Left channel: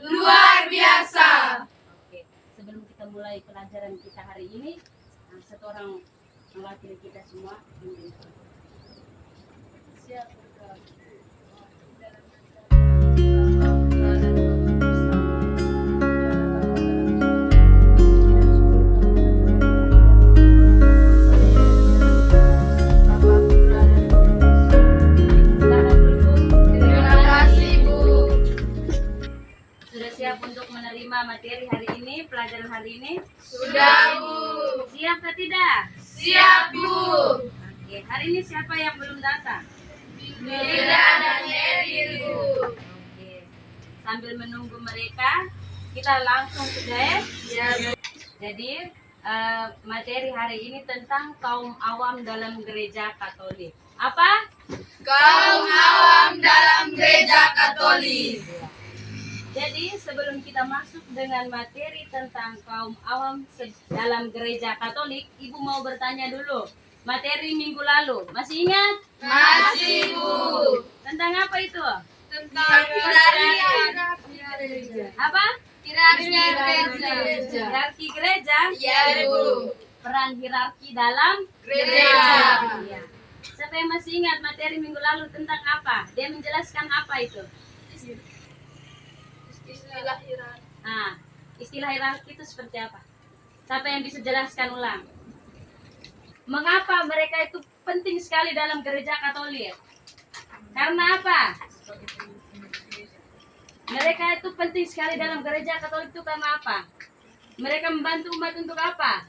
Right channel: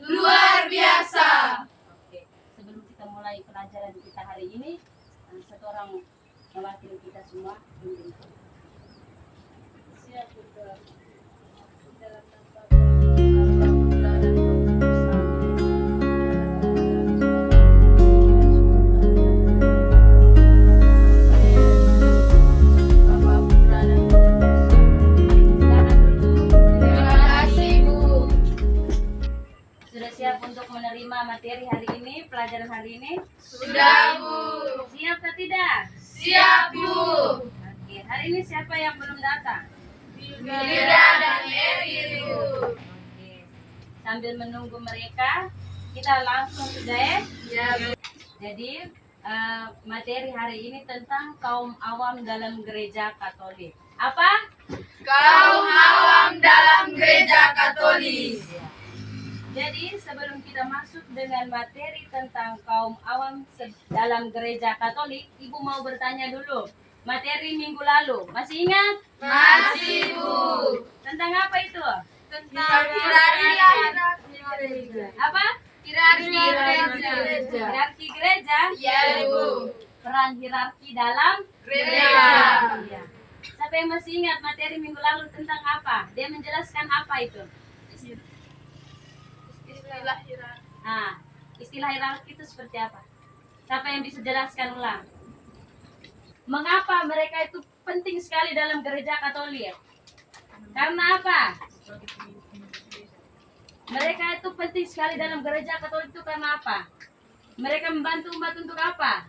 luar biasa. Oke, sebelum kita mulai pelajaran kita hari ini, satu orang mewakili kita semua memimpin. Siap untuk untuk menerima materi hari ini, pelajaran hari ini? Sudah, Bu. Siap atau tidak? Siap, Bu. Oke, hari ini siapa yang belum datang? Hilda dan Eril, Bu. Oke, sambil menunggu mereka, kita langsung ke DS. Ya, Bu. Jadi, materi hari ini tentang kaum awam dalam gereja Katolik. Apa? Kaum awam dalam gereja Katolik. Jadi sebelum kita masuk dengan materi tentang kaum awam dalam gereja Katolik, Ibu mau bertanya dulu. Materi minggu lalu, masih ingat? Masih, Bu. Tentang apa itu? Tentang hierarki gereja. Apa? Hierarki gereja. Hierarki gereja? Ya, Bu. Peran hierarki dalam Gereja. Ya. Siapa yang masih ingat materi minggu lalu tentang apa? Dia menjelaskan apa itu? Istilah hierarki. Istilah hierarki itu seperti apa? Siapa yang bisa jelaskan ulang? Mengapa mereka itu penting sekali dalam gereja Katolik? Karena apa? Mereka itu penting sekali dalam gereja Katolik itu karena apa? Mereka membantu umat untuk apa?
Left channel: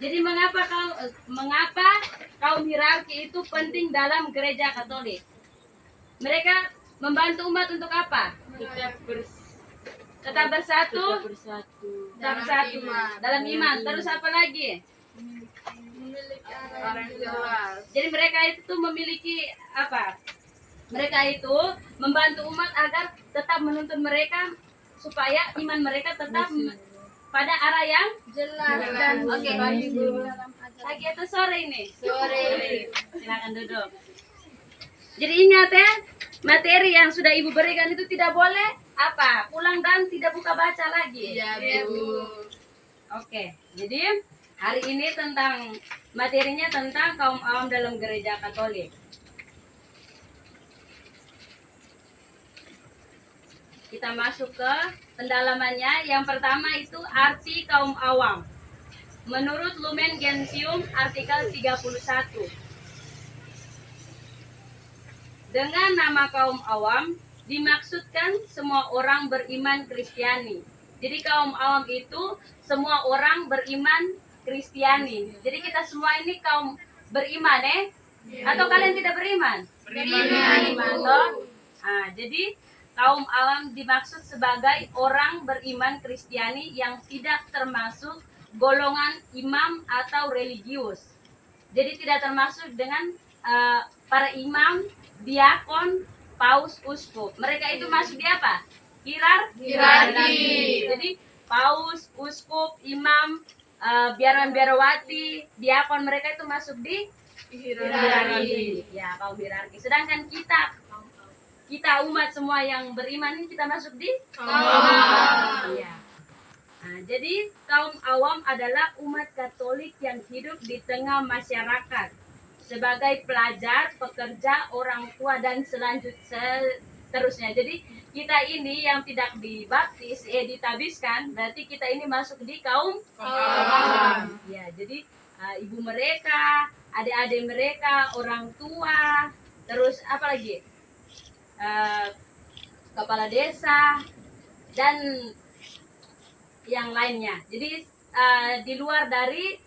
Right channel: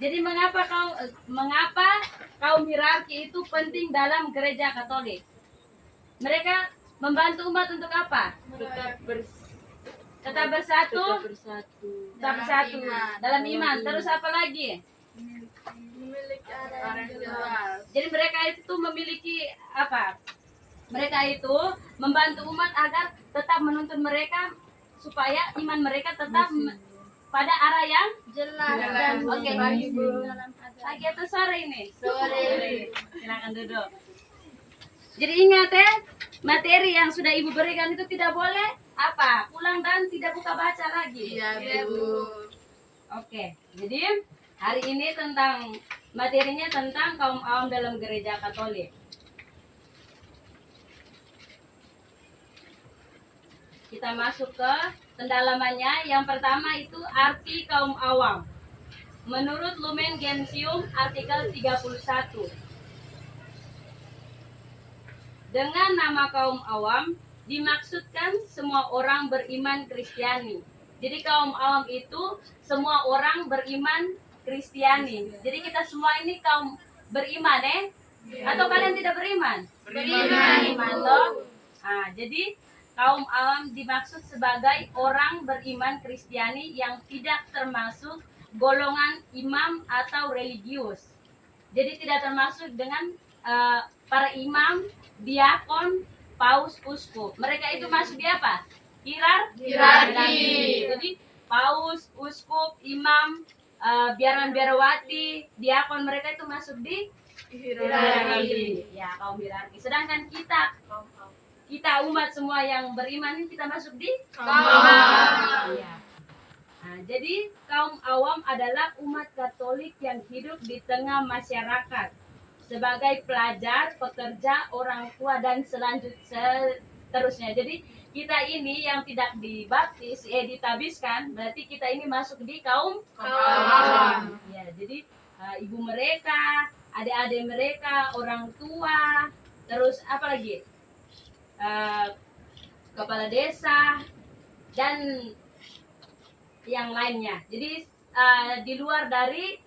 Jadi mengapa kaum hierarki itu penting dalam gereja Katolik? Mereka membantu umat untuk apa? Tetap bersatu dalam iman. Terus apa lagi? Memiliki arah yang jelas. Jadi mereka itu memiliki apa? Mereka itu membantu umat agar tetap menuntun mereka supaya iman mereka tetap pada arah yang Jelas. Oke. Pagi atau sore ini? Sore. Silakan duduk. Jadi ingat ya, materi yang sudah Ibu berikan itu tidak boleh apa? Pulang dan tidak buka baca lagi. Iya, Bu. Oke. Jadi hari ini tentang materinya tentang kaum awam dalam gereja Katolik. Kita masuk ke pendalamannya. Yang pertama itu arti kaum awam. Menurut Lumen Gentium artikel 31. Dengan nama kaum awam dimaksudkan semua orang beriman Kristiani. Jadi kaum awam itu semua orang beriman Kristiani. Jadi kita semua ini kaum beriman Atau kalian tidak beriman? Beriman. Toh? Jadi kaum awam dimaksud sebagai orang beriman Kristiani yang tidak termasuk golongan imam atau religius. Jadi tidak termasuk dengan para imam, diakon, paus, uskup. Mereka itu masuk di apa? Hierarki. Jadi paus, uskup, imam, biarawati, diakon, mereka itu masuk di hierarki. Ya, kaum hierarki. Sedangkan kita umat semua yang beriman ini kita masuk di kaum awam. Ya. Jadi kaum awam adalah umat Katolik yang hidup di tengah masyarakat sebagai pelajar, pekerja, orang tua dan seterusnya. Jadi kita ini yang tidak dibaptis, ditabiskan, berarti kita ini masuk di kaum awam. Ya, jadi ibu mereka, adik-adik mereka, orang tua, terus apa lagi? Kepala desa dan yang lainnya. Jadi di luar dari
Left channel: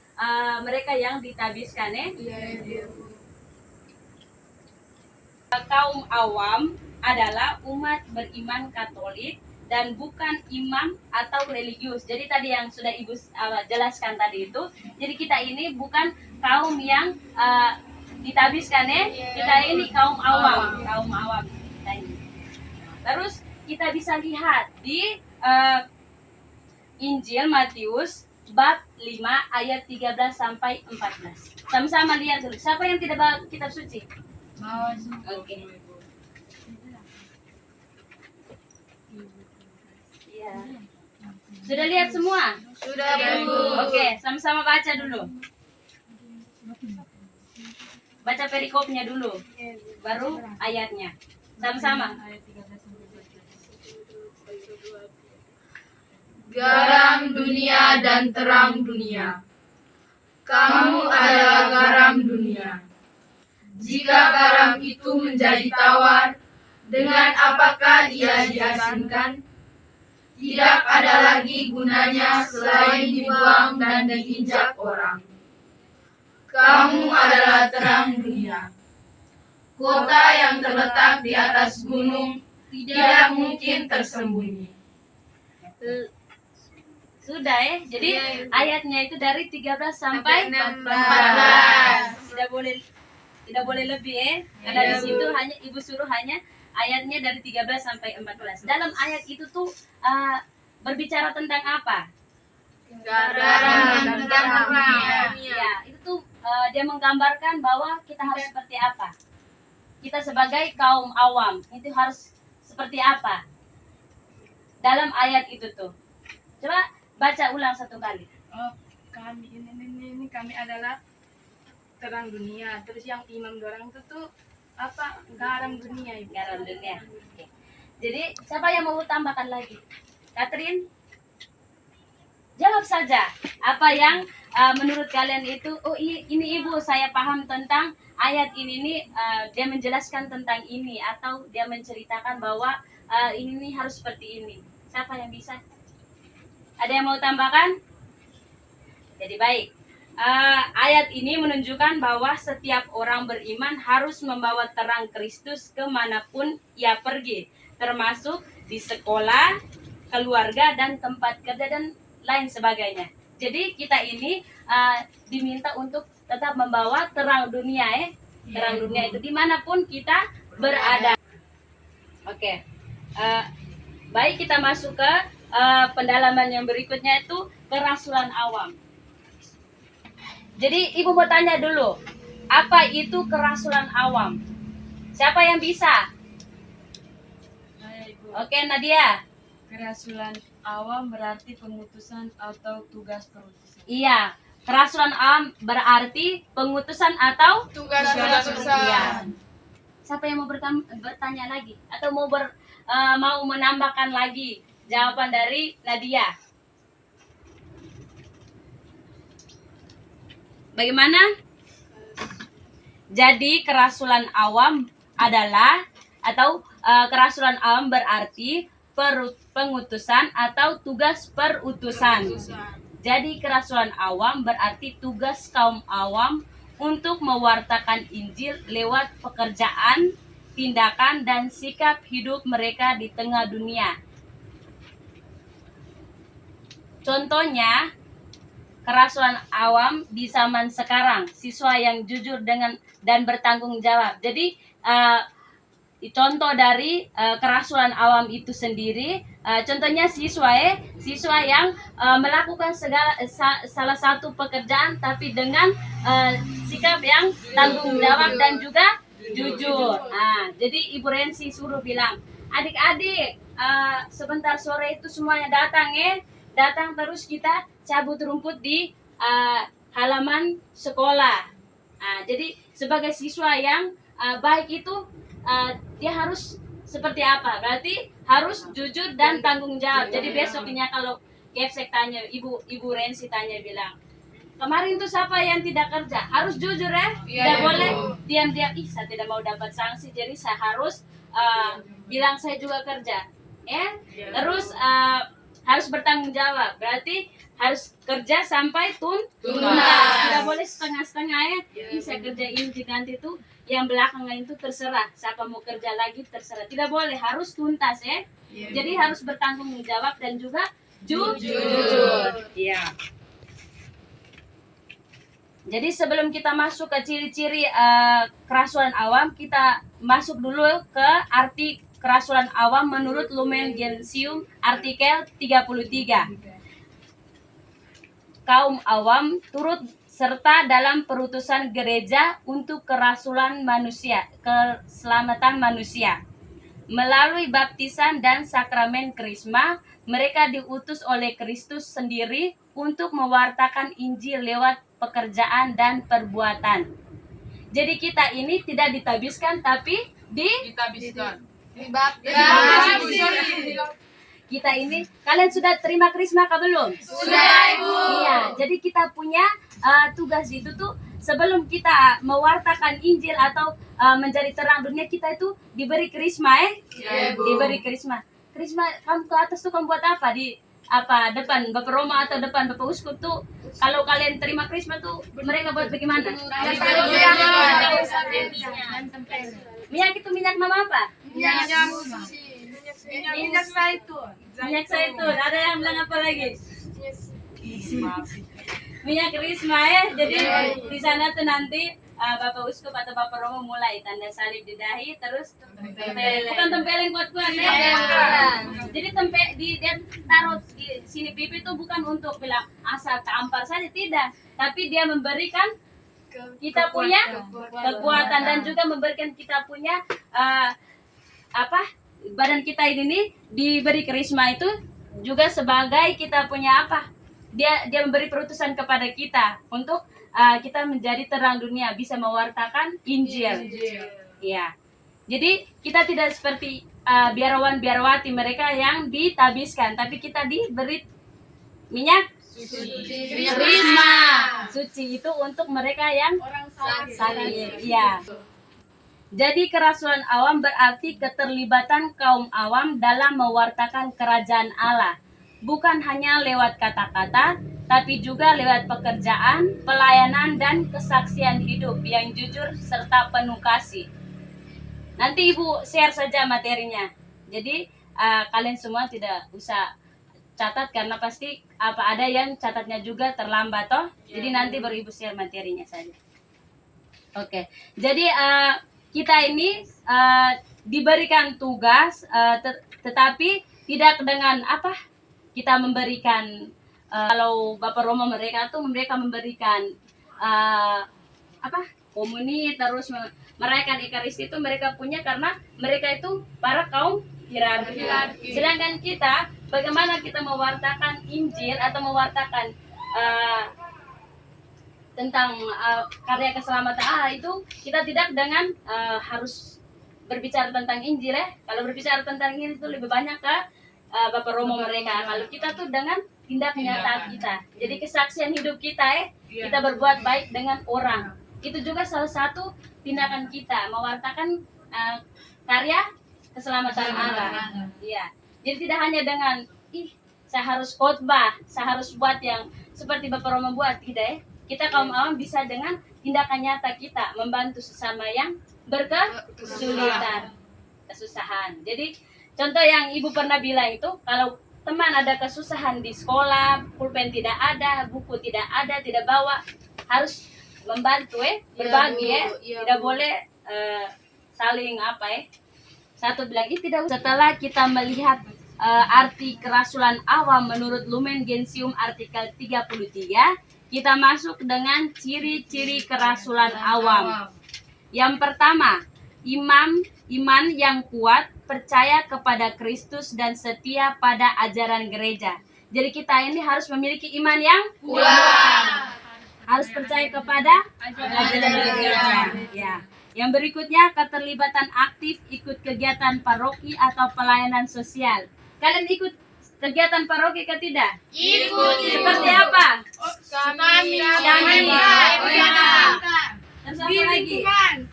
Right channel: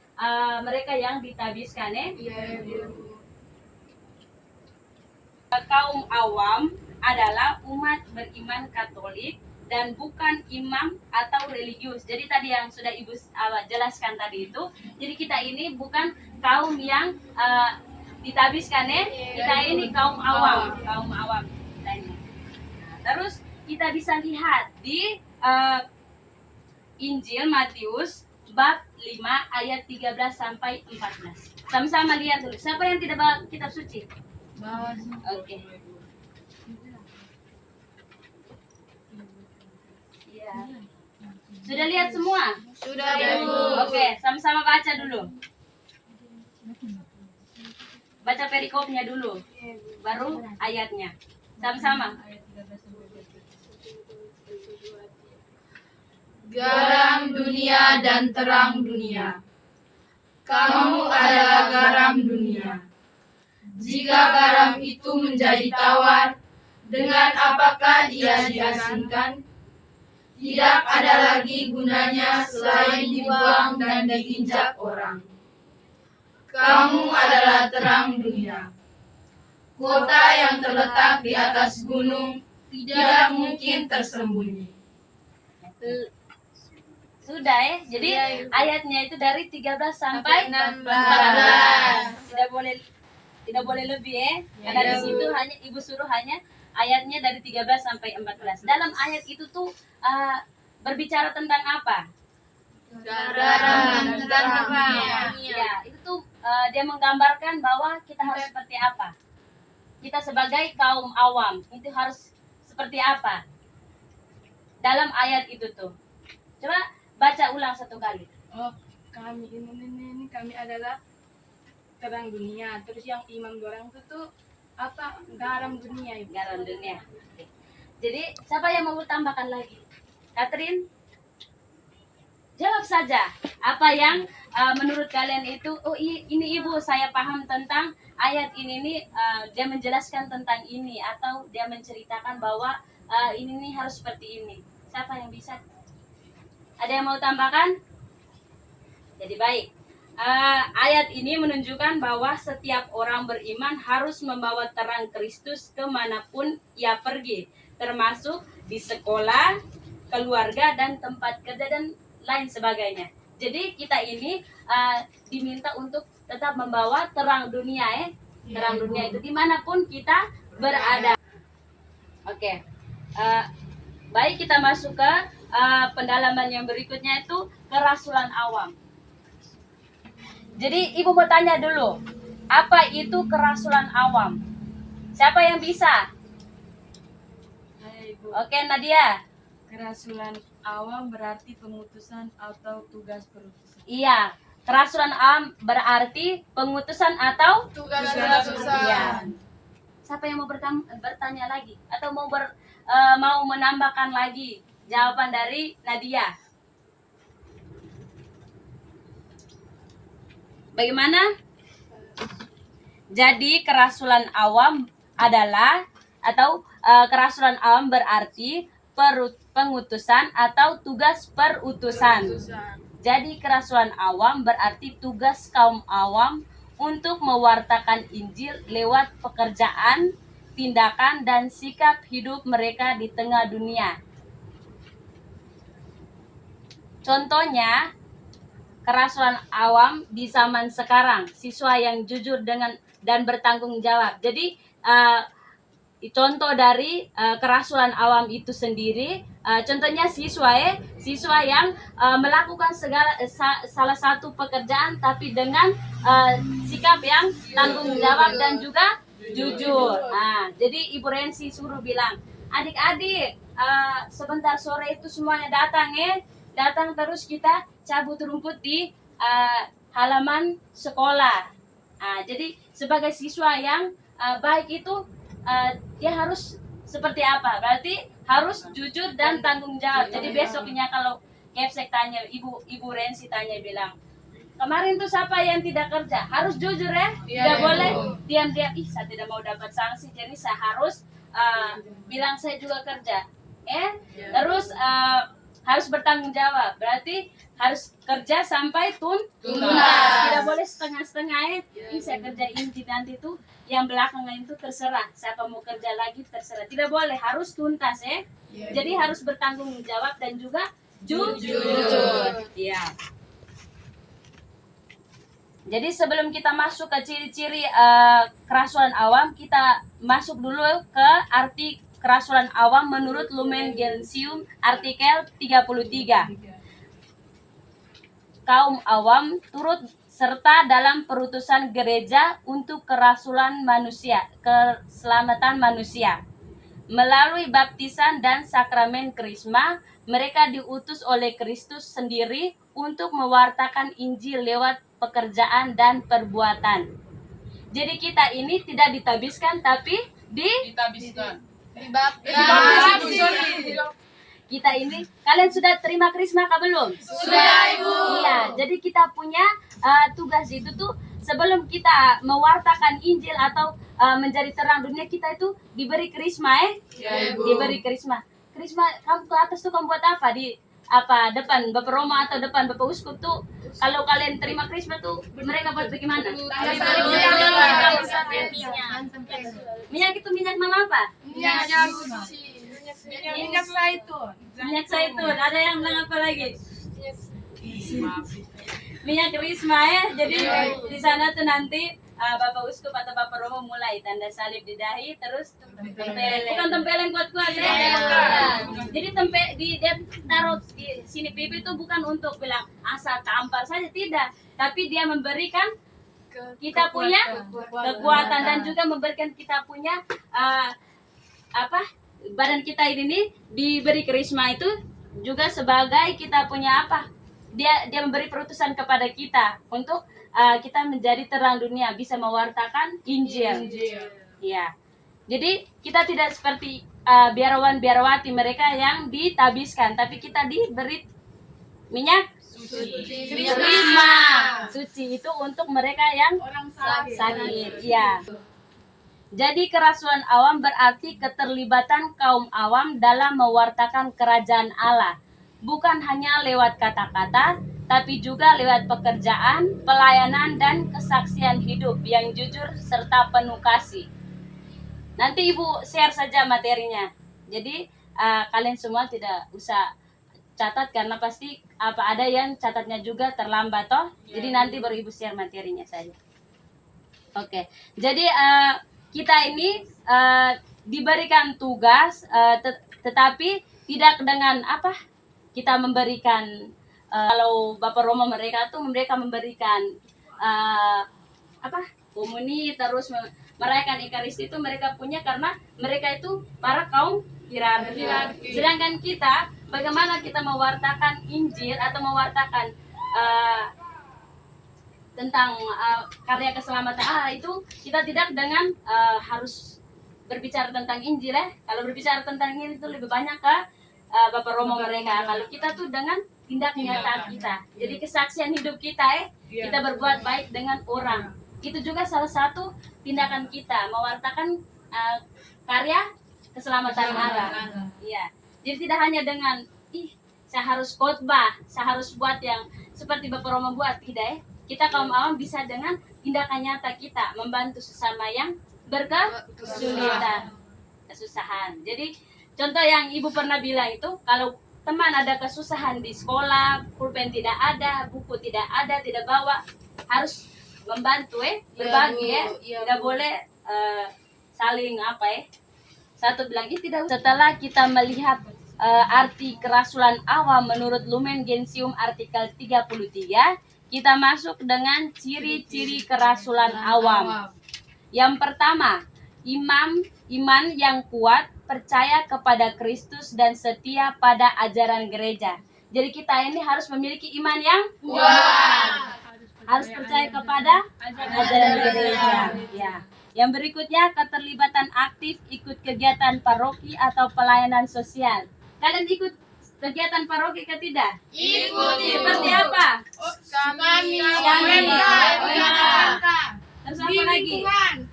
mereka yang ditabiskan Kaum awam adalah umat beriman Katolik dan bukan imam atau religius. Jadi tadi yang sudah Ibu jelaskan tadi itu. Jadi kita ini bukan kaum yang ditabiskan Kita ini kaum awam, kita ini. Terus kita bisa lihat di Injil Matius bab 5 ayat 13 sampai 14. Sama-sama lihat dulu. Siapa yang tidak bawa kitab suci? Oke. Sudah lihat semua? Sudah, Bu. Oke, sama-sama baca dulu. Baca perikopnya dulu, baru ayatnya. Sama-sama. Garam dunia dan terang dunia. Kamu adalah garam dunia. Jika garam itu menjadi tawar, dengan apakah ia diasinkan? Tidak ada lagi gunanya selain dibuang dan diinjak orang. Kamu adalah terang dunia. Kota yang terletak di atas gunung tidak mungkin tersembunyi. Sudah ya. Jadi ayatnya itu dari 13 sampai 16. Tidak boleh lebih ya. Karena di situ hanya Ibu suruh hanya ayatnya dari 13 sampai 14. Dalam ayat itu tuh berbicara tentang apa? Garam dan terang dunia. Ya, itu tuh dia menggambarkan bahwa kita harus seperti apa. Kita sebagai kaum awam itu harus seperti apa dalam ayat itu tuh. Coba baca ulang satu kali. Oh, kami ini kami adalah terang dunia. Terus yang imam dorang itu tuh apa? Garam dunia itu. Garam dunia. Oke. Jadi siapa yang mau tambahkan lagi? Catherine? Jawab saja. Apa yang menurut kalian itu? Oh ini Ibu, saya paham tentang ayat ini nih. Dia menjelaskan tentang ini atau dia menceritakan bahwa ini nih harus seperti ini. Siapa yang bisa? Ada yang mau tambahkan? Jadi baik. Ayat ini menunjukkan bahwa setiap orang beriman harus membawa terang Kristus kemanapun ia pergi, termasuk di sekolah, keluarga, dan tempat kerja dan lain sebagainya. Jadi kita ini diminta untuk tetap membawa terang dunia terang dunia itu dimanapun kita berada. Oke. Baik, kita masuk ke pendalaman yang berikutnya itu kerasulan awam. Jadi Ibu mau tanya dulu, apa itu kerasulan awam? Siapa yang bisa? Hai, Bu. Oke, Nadia. Kerasulan awam berarti pemutusan atau tugas perutusan. Iya, kerasulan awam berarti pengutusan atau Tugas Iya. Siapa yang mau bertanya lagi atau mau menambahkan lagi jawaban dari Nadia? Bagaimana? Jadi kerasulan awam adalah atau kerasulan awam berarti pengutusan atau tugas perutusan. Jadi kerasulan awam berarti tugas kaum awam untuk mewartakan Injil lewat pekerjaan, tindakan, dan sikap hidup mereka di tengah dunia. Contohnya, kerasulan awam di zaman sekarang, siswa yang jujur dan bertanggung jawab. Jadi contoh dari kerasulan awam itu sendiri, contohnya siswa yang melakukan salah satu pekerjaan tapi dengan sikap yang tanggung jawab dan juga jujur. Jadi Ibu Rensi suruh bilang, adik-adik sebentar sore itu semuanya datang terus kita cabut rumput di halaman sekolah. Jadi sebagai siswa yang baik itu dia harus seperti apa? Berarti harus jujur dan tanggung jawab. Jadi besoknya kalau Kepsek tanya, Ibu Rensi tanya bilang, kemarin tuh siapa yang tidak kerja? Harus jujur tidak boleh diam-diam. Saya tidak mau dapat sanksi, jadi saya harus bilang saya juga kerja. Terus harus bertanggung jawab. Berarti harus kerja sampai tuntas. Tidak boleh setengah-setengah saya kerjain nanti tuh yang belakangan itu terserah. Siapa mau kerja lagi terserah. Tidak boleh, harus tuntas Jadi harus bertanggung jawab dan juga jujur. Iya. Jadi sebelum kita masuk ke ciri-ciri kerasulan awam, kita masuk dulu ke arti kerasulan awam menurut Lumen Gentium artikel 33. Kaum awam turut serta dalam perutusan gereja untuk kerasulan manusia, keselamatan manusia. Melalui baptisan dan sakramen krisma, mereka diutus oleh Kristus sendiri untuk mewartakan Injil lewat pekerjaan dan perbuatan. Jadi kita ini tidak ditabiskan tapi Ditabiskan. kita ini, kalian sudah terima krisma kah belum? Sudah, Ibu. Iya, jadi kita punya tugas itu tuh sebelum kita mewartakan Injil atau menjadi terang dunia, kita itu diberi krisma Ya, Ibu. diberi krisma. Krisma kamu ke atas tuh kamu buat apa? Di apa depan Bapak Roma atau depan Bapak Uskup tuh kalau kalian terima krisma tuh mereka buat bagaimana? Minyak itu minyak nama apa? Minyak zaitun. Minyak zaitun. Ada yang bilang apa lagi? Minyak krisma ya. Jadi di sana tuh nanti Bapak Uskup atau Bapak Romo mulai tanda salib di dahi, terus tempel, bukan tempel yang kuat-kuat ya. Jadi dia taruh di sini pipi itu bukan untuk bilang asal tampar saja, tidak, tapi dia memberikan kita punya kekuatan dan juga memberikan kita punya badan kita ini diberi karisma itu juga sebagai kita punya dia memberi perutusan kepada kita untuk kita menjadi terang dunia, bisa mewartakan Injil. Ya. Jadi kita tidak seperti biarawan-biarawati mereka yang ditabiskan, tapi kita diberi minyak krisma. Suci itu untuk mereka yang Orang sakit. Ya. Jadi kerasulan awam berarti keterlibatan kaum awam dalam mewartakan kerajaan Allah. Bukan hanya lewat kata-kata, tapi juga lewat pekerjaan, pelayanan, dan kesaksian hidup yang jujur serta penuh kasih. Nanti Ibu share saja materinya. Jadi kalian semua tidak usah catat karena pasti ada yang catatnya juga terlambat toh. Jadi nanti baru Ibu share materinya saja. Oke. Jadi kita ini diberikan tugas, tetapi tidak dengan kita memberikan kalau Bapak Roma mereka memberikan komuni terus merayakan Ekaristi itu mereka punya karena mereka itu para kaum hierarki. Sedangkan kita bagaimana kita mewartakan Injil atau mewartakan tentang karya keselamatan Allah itu kita tidak dengan harus berbicara tentang Injil Kalau berbicara tentang Injil itu lebih banyak Bapak Romo mereka. Kalau kita tuh dengan tindak nyata kita. Jadi kesaksian hidup kita kita berbuat baik dengan orang. Itu juga salah satu tindakan kita mewartakan karya keselamatan Allah. Iya. Jadi tidak hanya dengan saya harus khotbah, saya harus buat yang seperti Bapak Romo buat, tidak Kita kaum awam bisa dengan tindakan nyata kita membantu sesama yang berkesulitan, kesusahan. Jadi contoh yang Ibu pernah bilang itu, kalau teman ada kesusahan di sekolah, pulpen tidak ada, buku tidak ada, tidak bawa, harus membantu berbagi tidak boleh saling Satu bilang tidak. Setelah kita melihat arti kerasulan awam menurut Lumen Gentium artikel 33, kita masuk dengan ciri-ciri kerasulan awam. Yang pertama, iman yang kuat, percaya kepada Kristus dan setia pada ajaran gereja. Jadi kita ini harus memiliki iman yang kuat. Harus percaya kepada ajaran gereja. Ya. Yang berikutnya, keterlibatan aktif ikut kegiatan paroki atau pelayanan sosial. Kalian ikut kegiatan paroki ke tidak? Ikut. Seperti apa? Kami. Terus apa lagi?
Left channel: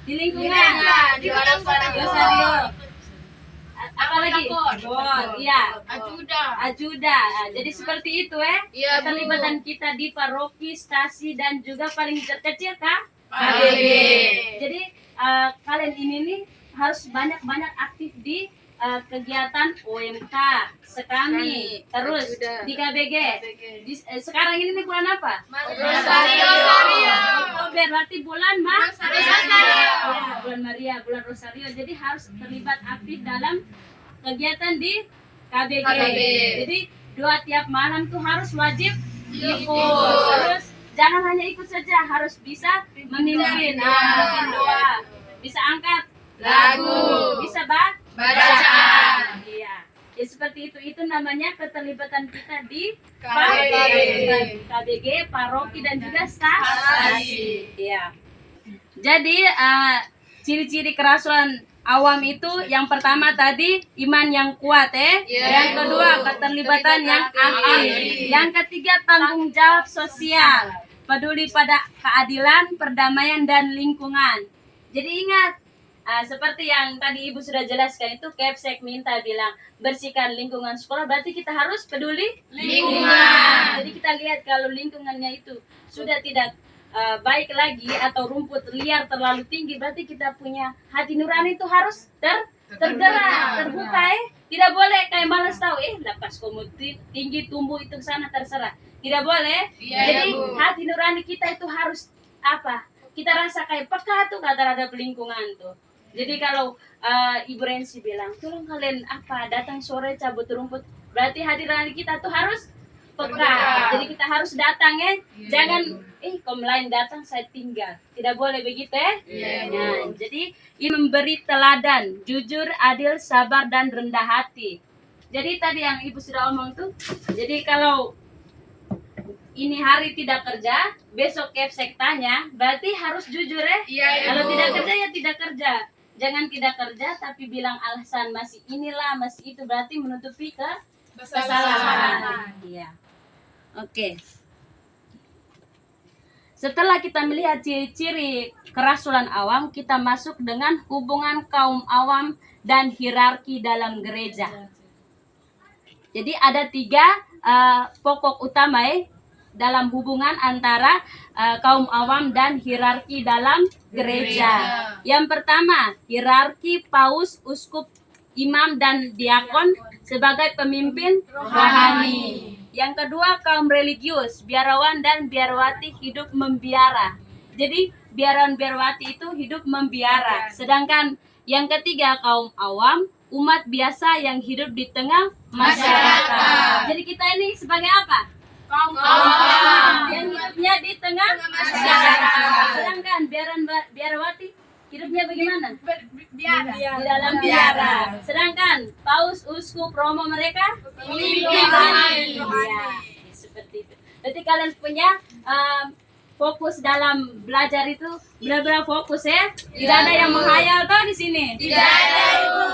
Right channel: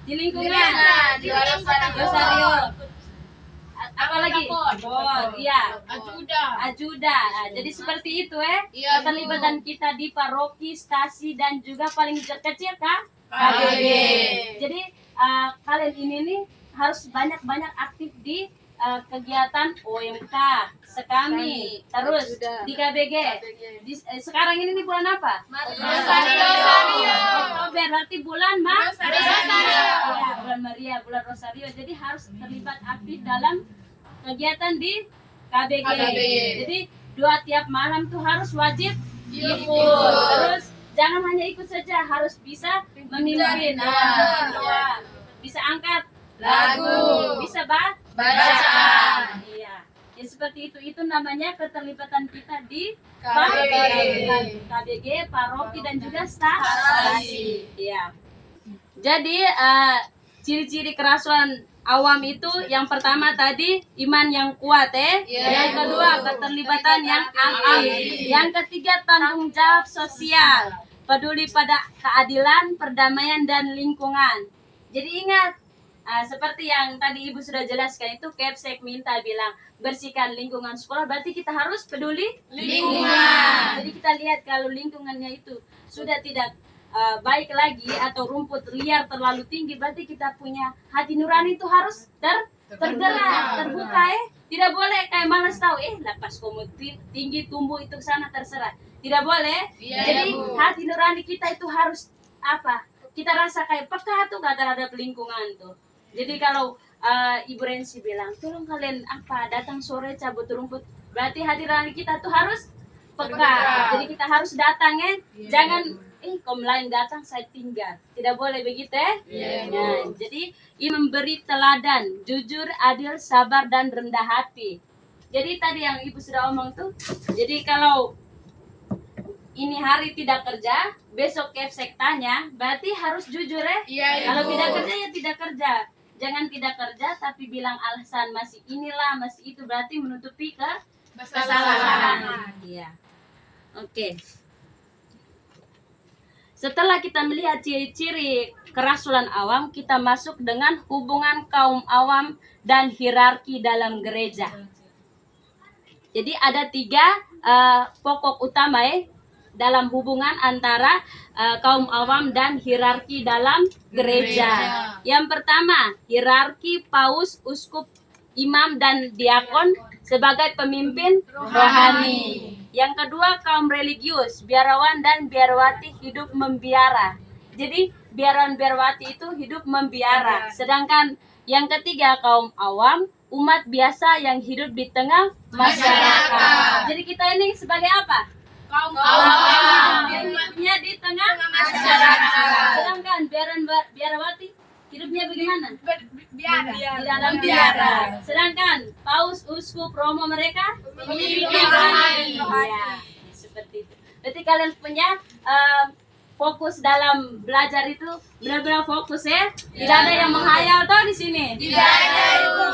Di lingkungan. Di Rosario. Apa lagi? Iya. Ajuda. Jadi seperti itu Iya, Bu. keterlibatan kita di paroki, stasi dan juga paling kecil KBG. Jadi kalian ini nih harus banyak-banyak aktif di kegiatan OMK, Sekami, terus di KBG. Sekarang ini nih bulan apa? Rosario. Oktober, berarti bulan Rosario. Ya, bulan Maria, bulan Rosario. Jadi harus terlibat aktif dalam kegiatan di KBG. Jadi tiap malam tuh harus wajib ikut. Terus jangan hanya ikut saja, harus bisa memimpin. Bisa angkat Lagu. Bisa Bacaan. Iya. Ya seperti itu. Itu namanya keterlibatan kita di KBG, paroki dan juga stasi. Iya. Jadi ciri-ciri kerasulan awam itu yang pertama tadi iman yang kuat yang kedua keterlibatan yang aktif, yang ketiga tanggung jawab sosial, peduli pada keadilan, perdamaian dan lingkungan. Jadi ingat seperti yang tadi Ibu sudah jelaskan itu Kepsek minta bilang bersihkan lingkungan sekolah, berarti kita harus peduli lingkungan. Jadi kita lihat kalau lingkungannya itu sudah tidak baik lagi atau rumput liar terlalu tinggi, berarti kita punya hati nurani itu harus tergerak, terbuka Tidak boleh kayak malas tahu lepas kamu tinggi tumbuh itu ke sana terserah. Tidak boleh. Jadi hati nurani kita itu harus apa? Kita rasa kayak peka tuh terhadap lingkungan tuh. Jadi kalau Ibu Rensi bilang, tolong kalian datang sore cabut rumput, berarti hati nurani kita tuh harus peka. Jadi kita harus datang jangan kaum lain datang saya tinggal. Tidak boleh begitu Nah, jadi ini memberi teladan, jujur, adil, sabar dan rendah hati. Jadi tadi yang Ibu sudah omong tuh, jadi kalau ini hari tidak kerja, besok Kepsek tanya, berarti harus jujur Kalau tidak kerja ya tidak kerja. Jangan tidak kerja tapi bilang alasan masih inilah, masih itu, berarti menutupi kesalahan. Iya. Oke. Setelah kita melihat ciri-ciri kerasulan awam, kita masuk dengan hubungan kaum awam dan hierarki dalam gereja. Jadi ada 3 pokok utama dalam hubungan antara kaum awam dan hierarki dalam gereja. Yang pertama, hierarki paus, uskup, imam dan diakon sebagai pemimpin rohani. Yang kedua, kaum religius, biarawan dan biarawati hidup membiara. Jadi biarawan-biarawati itu hidup membiara. Sedangkan yang ketiga, kaum awam, umat biasa yang hidup di tengah masyarakat. Jadi kita ini sebagai apa? Kaum awam yang hidupnya di tengah masyarakat. Sedangkan biarawati hidupnya bagaimana? Di dalam biara. Sedangkan paus, uskup, romo mereka pemimpin rohani. Ya, seperti itu. Berarti kalian punya fokus dalam belajar itu benar-benar fokus Tidak ada yang menghayal toh di sini. Tidak ada, Ibu.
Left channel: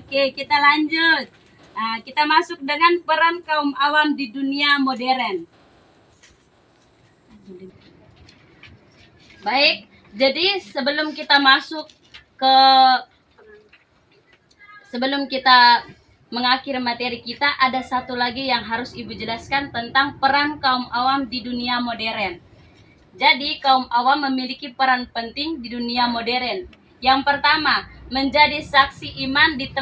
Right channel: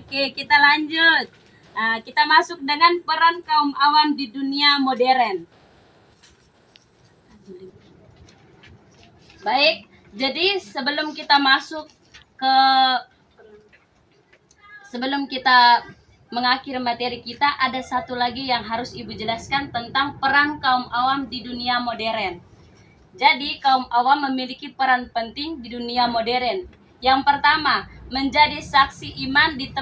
Oke, kita lanjut. Kita masuk dengan peran kaum awam di dunia modern. Baik, jadi sebelum kita mengakhiri materi kita, ada satu lagi yang harus Ibu jelaskan tentang peran kaum awam di dunia modern. Jadi kaum awam memiliki peran penting di dunia modern. Yang pertama, menjadi saksi iman di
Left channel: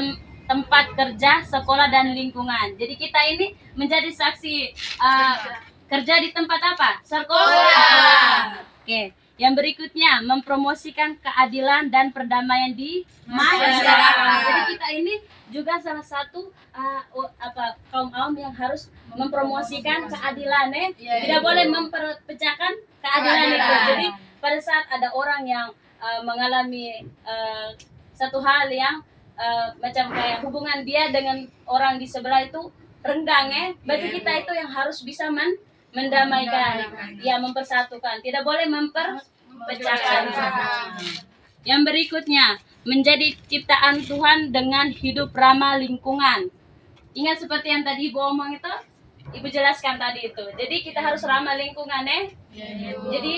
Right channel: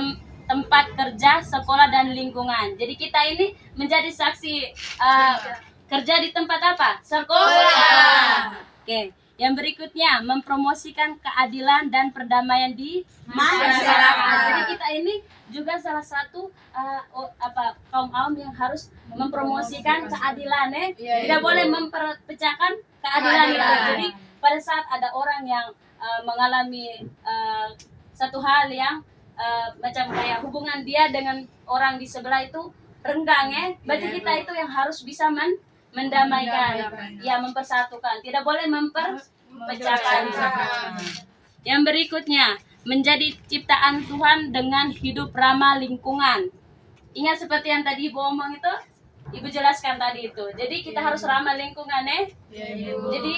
tempat kerja, sekolah dan lingkungan. Jadi kita ini menjadi saksi kerja di tempat apa? Sekolah. Oke. Yang berikutnya, mempromosikan keadilan dan perdamaian di masyarakat. Jadi kita ini juga salah satu kaum awam yang harus mempromosikan keadilan Tidak boleh memperpecahkan keadilan itu. Jadi pada saat ada orang yang mengalami satu hal yang macam kayak hubungan dia dengan orang di sebelah itu renggang berarti kita itu yang harus bisa mendamaikan, mempersatukan. Tidak boleh memperpecahkan. Yang berikutnya, menjadi ciptaan Tuhan dengan hidup ramah lingkungan. Ingat seperti yang tadi Ibu omong itu, Ibu jelaskan tadi itu. Jadi kita harus ramah lingkungan Jadi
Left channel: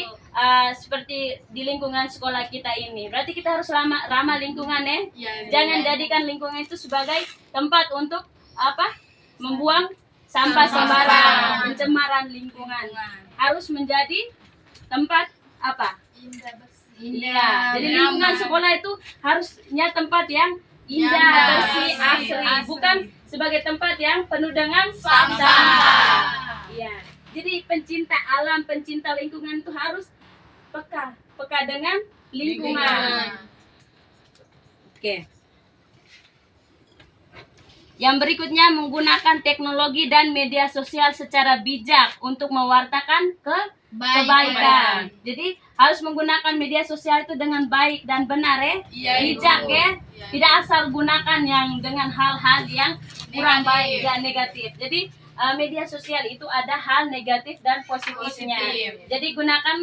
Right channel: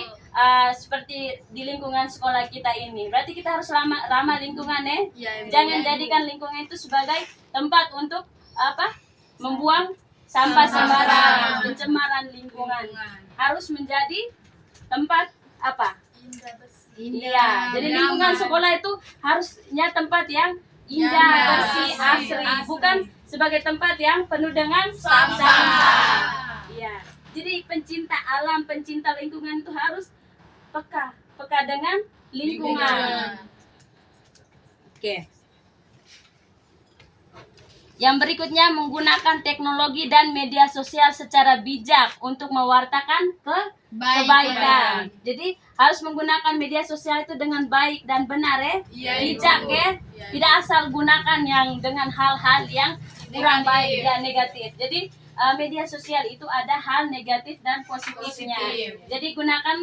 seperti di lingkungan sekolah kita ini, berarti kita harus ramah lingkungan Jangan jadikan lingkungan itu sebagai tempat untuk membuang sampah sembarangan, pencemaran lingkungan. Harus menjadi tempat indah. Jadi lingkungan sekolah itu harusnya tempat yang indah, bersih, asri, bukan sebagai tempat yang penuh dengan sampah. Iya. Jadi pencinta alam, pencinta lingkungan itu harus peka dengan lingkungan. Oke. Yang berikutnya menggunakan teknologi dan media sosial secara bijak untuk mewartakan kebaikan. Jadi harus menggunakan media sosial itu dengan baik dan benar ya. Iya, Bijak Ibu. ya. Iya. Tidak asal gunakan yang dengan hal-hal yang kurang baik dan negatif. Jadi media sosial itu ada hal negatif dan positifnya. Positif. Jadi gunakan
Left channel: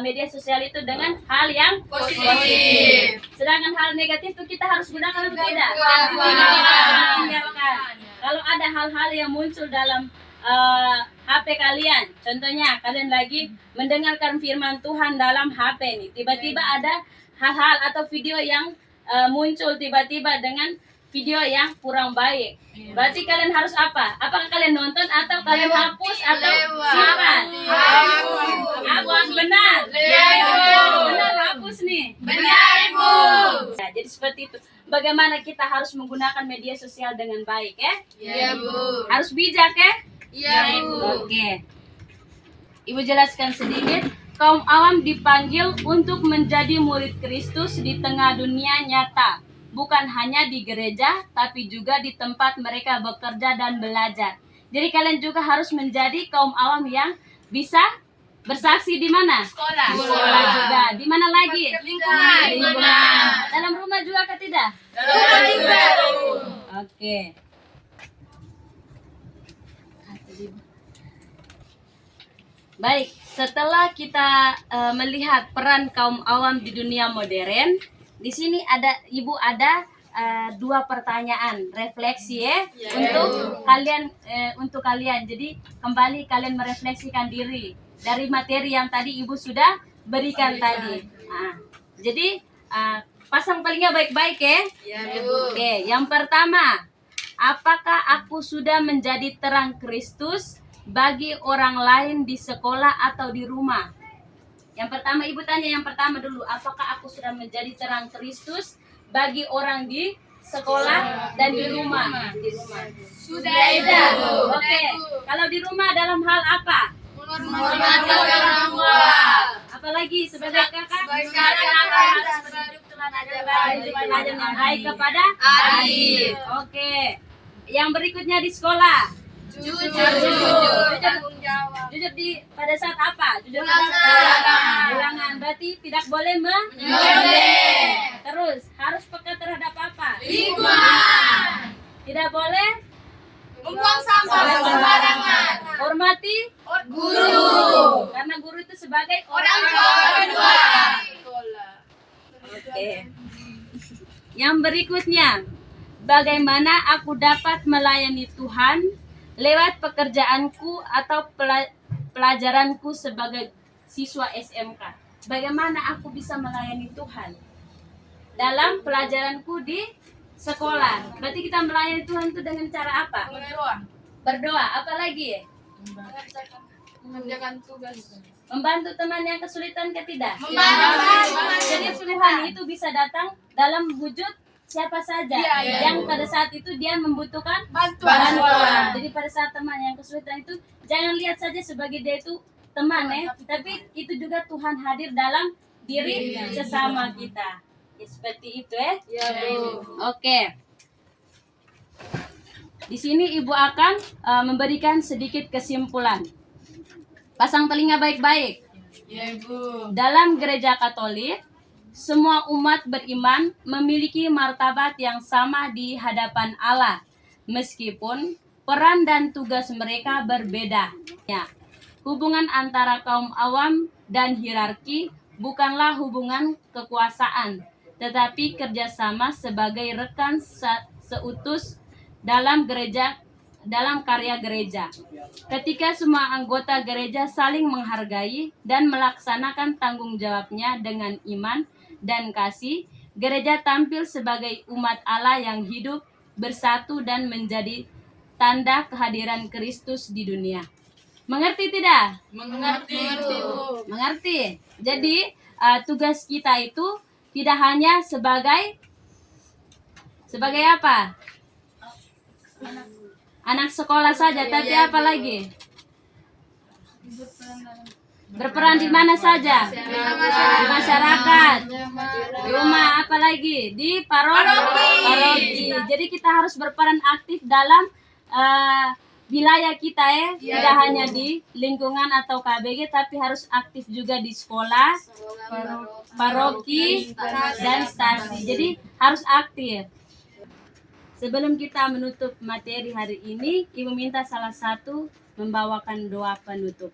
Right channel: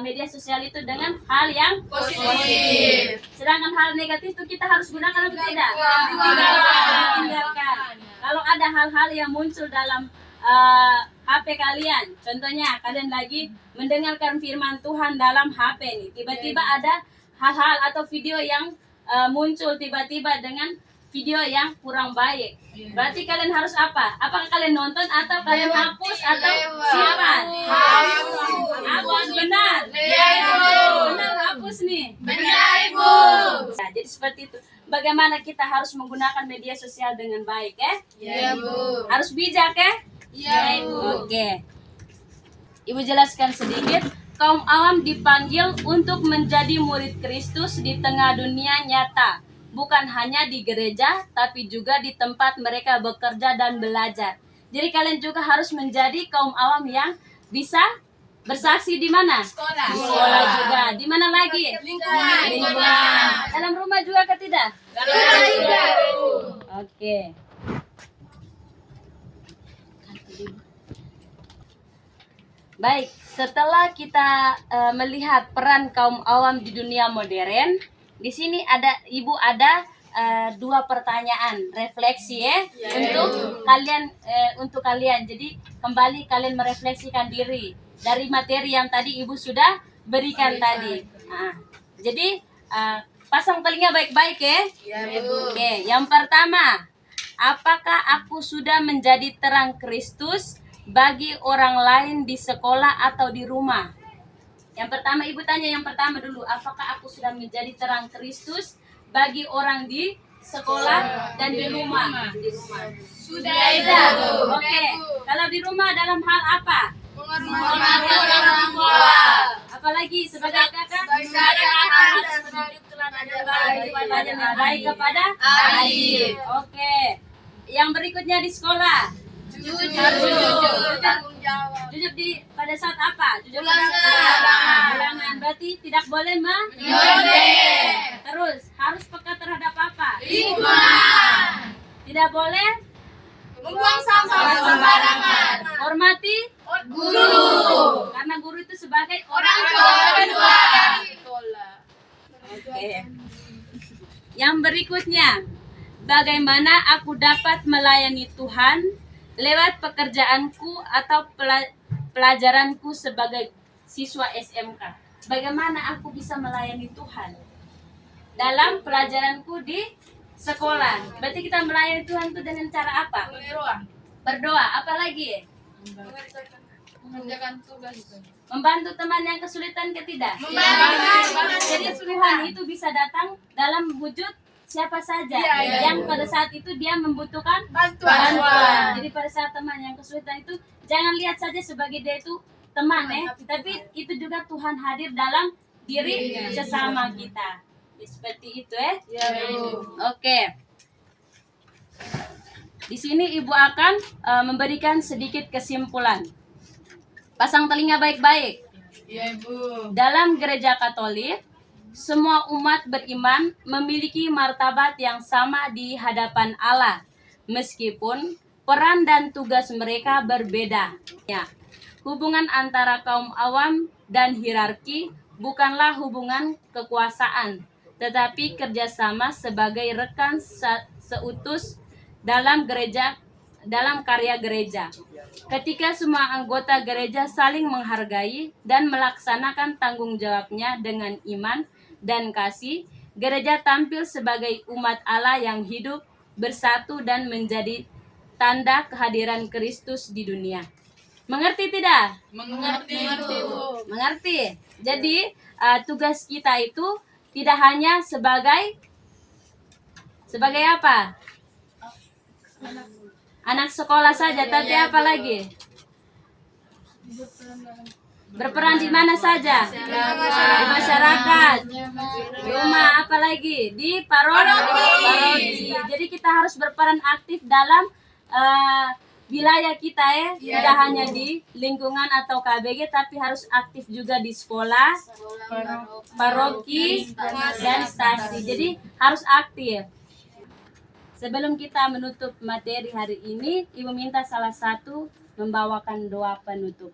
media sosial itu dengan hal yang Positif. Sedangkan hal negatif itu kita harus gunakan atau tidak? Tinggalkan. Tinggalkan. Kalau ada hal-hal yang muncul dalam HP kalian, contohnya kalian lagi mendengarkan firman Tuhan dalam HP nih, tiba-tiba ada hal-hal atau video yang muncul tiba-tiba dengan video yang kurang baik. Berarti kalian harus apa? Apakah kalian nonton atau kalian hapus atau simpan? Hapus, benar. Benar, hapus nih. Benar, Ibu. Nah, jadi seperti itu. Bagaimana kita harus menggunakan media sosial dengan baik ya? Iya, Bu. Harus bijak ya? Iya, Bu. Oke. Ibu jelaskan sedikit. Kaum awam dipanggil untuk menjadi murid Kristus di tengah dunia nyata. Bukan hanya di gereja, tapi juga di tempat mereka bekerja dan belajar. Jadi kalian juga harus menjadi kaum awam yang bisa bersaksi di mana? Sekolah. Di sekolah juga. Di mana lagi? Lingkungan. Dalam rumah juga ke tidak? Juga. Oke. Baik, setelah kita melihat peran kaum awam di dunia modern, di sini Ibu ada dua pertanyaan refleksi ya untuk kalian. Jadi kembali kalian merefleksikan diri dari materi yang tadi Ibu sudah berikan tadi. Nah, jadi pasang telinga baik-baik ya. Iya, Bu. Oke, yang pertama, apakah aku sudah menjadi terang Kristus bagi orang lain di sekolah atau di rumah? Yang pertama, Ibu tanya yang pertama dulu, apakah aku sudah menjadi terang Kristus bagi orang di sekolah dan di rumah? Di rumah. Sudah, Sudah. Ibu. Oke. Kalau di rumah dalam hal apa? Menghormati orang tua. Apalagi sebagai kakak? Sebagai kakak dan selalu Pelajaran yang baik kepada adik. Oke. Yang berikutnya di sekolah. Jujur. Jujur. Tanggung jawab. Jujur pada saat apa? Jujur Ulangan. pada saat ulangan. Berarti tidak boleh Nyontek. Terus harus peka terhadap apa? Lingkungan. Tidak boleh Membuang sampah sembarangan. hormati Guru. karena guru itu sebagai Orang tua kedua. Oke. Yang berikutnya, bagaimana aku dapat melayani Tuhan lewat pekerjaanku atau pelajaranku sebagai siswa SMK? Bagaimana aku bisa melayani Tuhan dalam pelajaranku di sekolah? Berarti kita melayani Tuhan itu dengan cara apa? Berdoa. Berdoa. Apalagi? Mengerjakan tugas. Membantu teman yang kesulitan tidak? Membantu. Jadi Tuhan itu bisa datang dalam wujud siapa saja Iya. yang pada saat itu dia membutuhkan Bantuan. Jadi pada saat teman yang kesulitan itu jangan lihat saja sebagai dia itu teman ya, tapi itu juga Tuhan hadir dalam diri sesama kita. Ya, seperti itu ya. Iya, Bu. Oke. Di sini Ibu akan memberikan sedikit kesimpulan. Pasang telinga baik-baik. Iya, Bu. Dalam gereja Katolik, semua umat beriman memiliki martabat yang sama di hadapan Allah, meskipun peran dan tugas mereka berbeda. Ya, hubungan antara kaum awam dan hierarki bukanlah hubungan kekuasaan, tetapi kerjasama sebagai rekan seutus dalam karya gereja. Ketika semua anggota gereja saling menghargai dan melaksanakan tanggung jawabnya dengan iman dan kasih, gereja tampil sebagai umat Allah yang hidup, bersatu dan menjadi tanda kehadiran Kristus di dunia. Mengerti tidak? Mengerti, Bu. Mengerti. Jadi tugas kita itu tidak hanya sebagai apa? Anak sekolah saja, tapi apa lagi? Berperan di mana saja? Di masyarakat. Di rumah, apalagi di paroki. Jadi kita harus berperan aktif dalam wilayah kita ya, tidak hanya di lingkungan atau KBG, tapi harus aktif juga di sekolah, paroki, dan stasi. Jadi harus aktif. Sebelum kita menutup materi hari ini, Ibu minta salah satu membawakan doa penutup.